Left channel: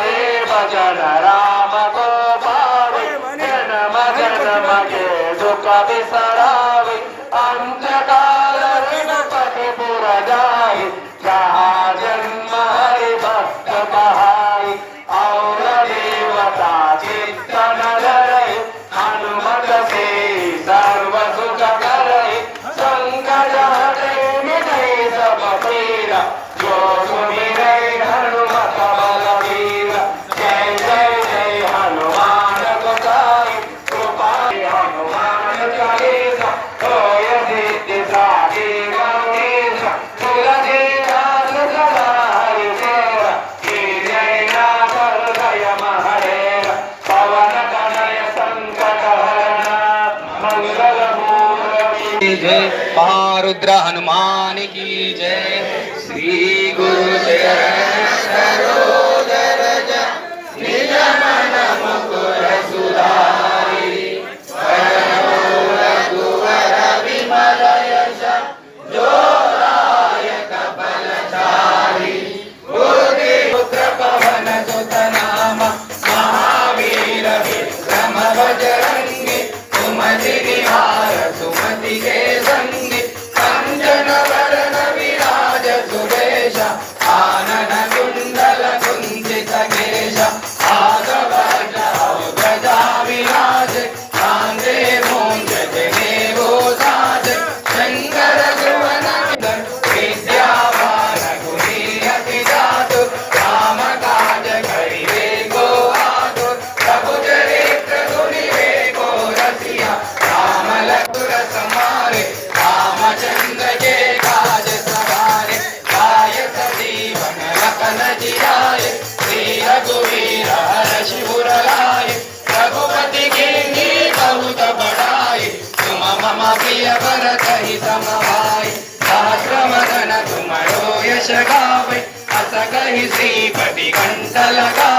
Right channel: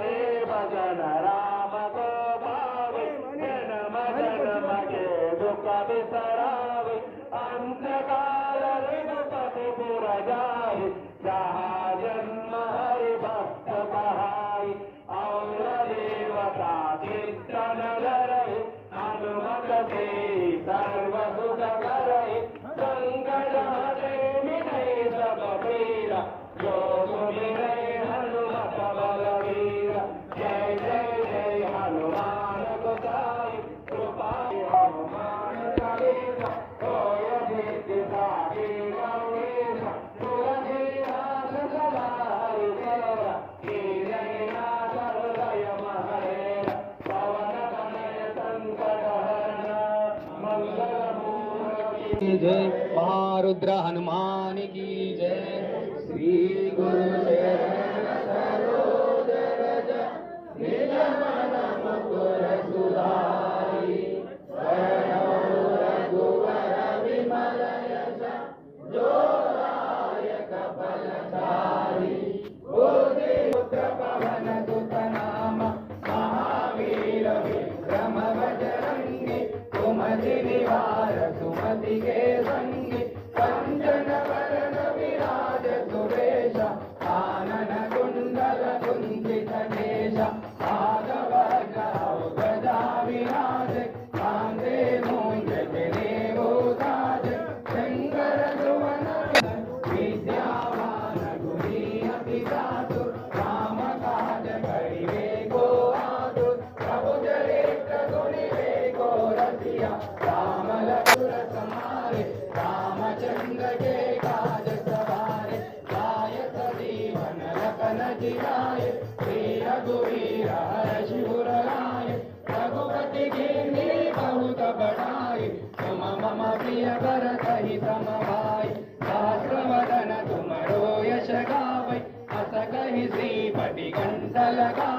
हे भजन राम को पावे जन्म जन्म के दुख बिसरावे अंधकार रघुपति पुर जाए जहाँ जन्म हरि भक्त कहाई और देवता चित्तन धरे हनुमत से सर्व सुख करे संकट हटे मिटे सब पीरा जो सुमिरे हनुमत बलवीर जय जय जय हनुमान गोसाई कृपा हनुमान चालीसा होय सिद्धि साधी गणेश तुलसीदास सदा हरिचेरा कीर्तनाथ हृदय महरेरा पवन तनय संकट हरण मंगल मूर्ति जय महारुद्र हनुमान की जय। श्री गुरु चरण सरोज रज निज मन मुकुर सुधारि वरनो रघुवर विमल यश जोदायक फलचारि बुद्धि पुत्र पवन सुत नाम महावीर विक्रम बजरंगी सुमति निहार सुमति के संगी कंचन वरण विराज सुरेश आनन कुंडल कुंचित केश ध्वजा विराज कांधे मूंज जनेऊ साज शंकर सुवन विद्यावान गुणी अति चातुर राम काज करिवे को आतुर प्रभु चरित्र सुनिवे को रसिया राम लखुर समारे रामचंद्र के काज सवारे गाय सजीवन लखन जियाए श्री रघुवीर हर्षि उर लाए रघुपति कीन्ही बहुत बड़ाई तुम मम प्रिय भरत ही सम भाई सहस्र वदन तुमरो यश गावे अस कहि श्रीपति कंठ लगा